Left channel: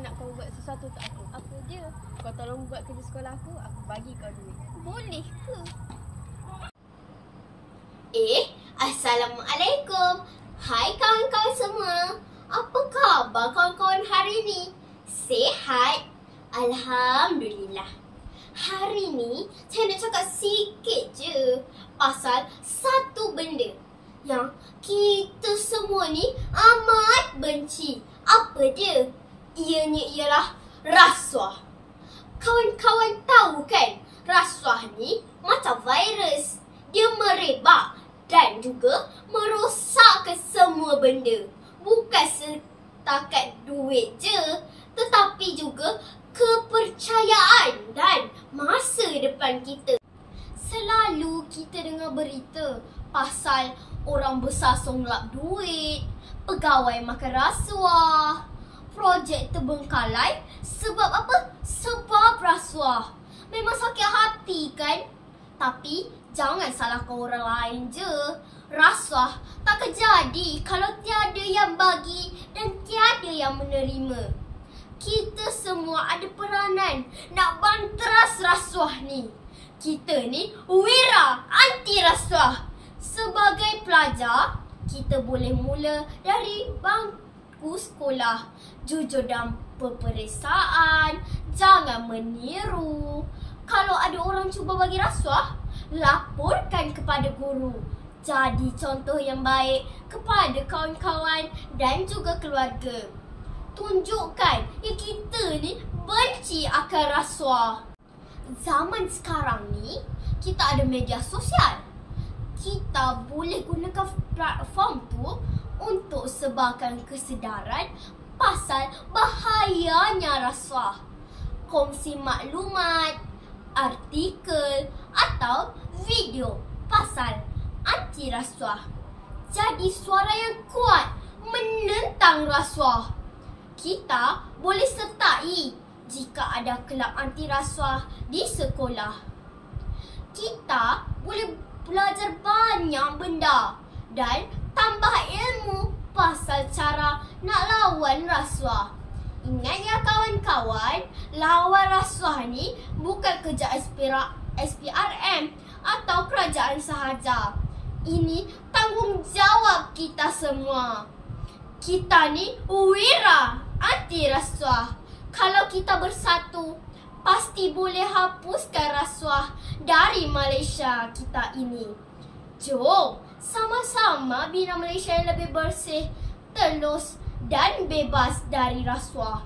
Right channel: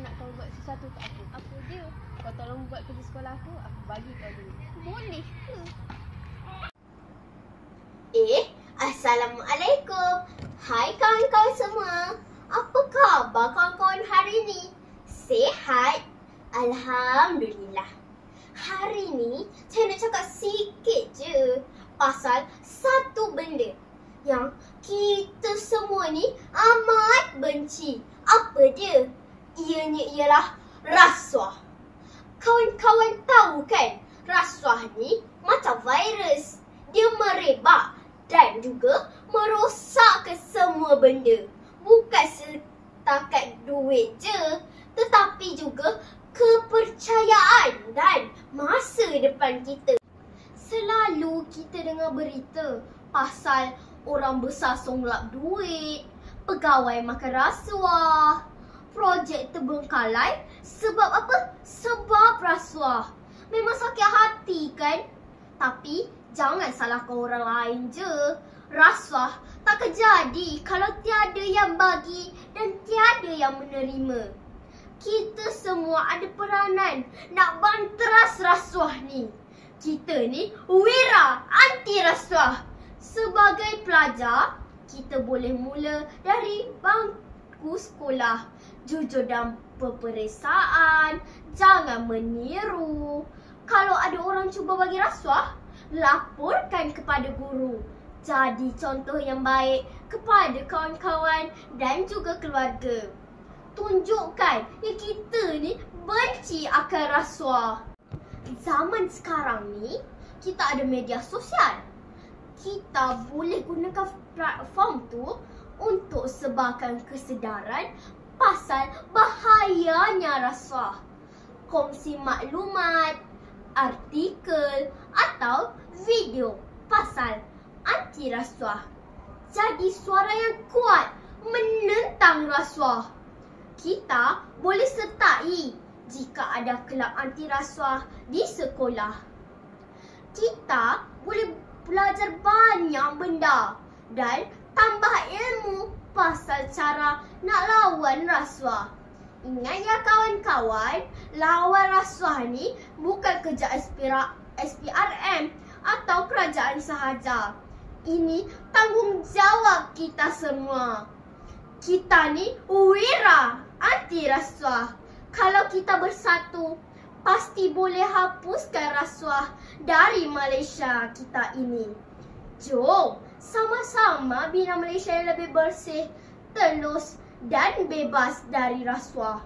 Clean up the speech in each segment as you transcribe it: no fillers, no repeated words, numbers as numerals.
nak kau buat sesuatu untuk aku. Apa dia? Kau tolong buat kerja sekolah aku bagi kau duit. Boleh ke? Assalamualaikum. Hai kawan-kawan semua. Apa khabar kawan-kawan hari ni? Sihat? Alhamdulillah. Hari ni saya nak cakap sikit je pasal satu benda yang kita semua ni amat benci. Apa dia? Ianya ialah rasuah. Kawan-kawan tahu kan, rasuah ni macam virus. Dia merebak dan juga merosakkan semua benda. Bukan setakat duit je, tetapi juga kepercayaan dan masa depan kita. Selalu kita dengar berita pasal orang besar songlap duit, pegawai makan rasuah, projek terbengkalai sebab apa? Sebab rasuah. Memang sakit hati kan? Tapi jangan salahkan orang lain je. Rasuah takkan jadi kalau tiada yang bagi dan tiada yang menerima. Kita semua ada peranan nak banteras rasuah ni. Kita ni wira anti rasuah. Sebagai pelajar, kita boleh mula dari bangku sekolah. Jujur dalam peperiksaan, jangan meniru. Kalau ada orang cuba bagi rasuah, laporkan kepada guru. Jadi contoh yang baik kepada kawan-kawan dan juga keluarga. Tunjukkan kita ni benci akan rasuah. Zaman sekarang ni, kita ada media sosial. Kita boleh gunakan platform tu untuk sebarkan kesedaran pasal bahayanya rasuah. Kongsi maklumat, artikel atau video pasal anti rasuah. Jadi suara yang kuat menentang rasuah. Kita boleh sertai jika ada kelab anti rasuah di sekolah. Kita boleh belajar banyak benda dan tambah ilmu pasal cara nak lawan rasuah. Ingat ya kawan-kawan, lawan rasuah ni bukan kerja SPRM atau kerajaan sahaja. Ini tanggungjawab kita semua. Kita ni wira anti rasuah. Kalau kita bersatu, pasti boleh hapuskan rasuah dari Malaysia kita ini. Jom sama-sama bina Malaysia yang lebih bersih, telus dan bebas dari rasuah.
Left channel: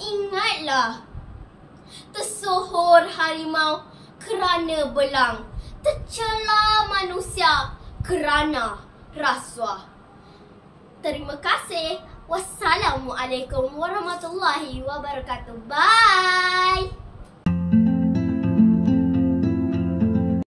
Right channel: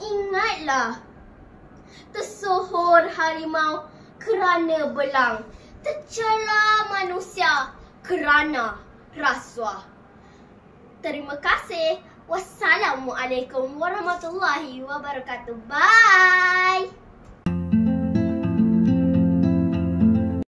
Ingatlah, tersohor harimau kerana belang, tercela manusia kerana rasuah. Terima kasih. Wassalamualaikum warahmatullahi wabarakatuh. Bye.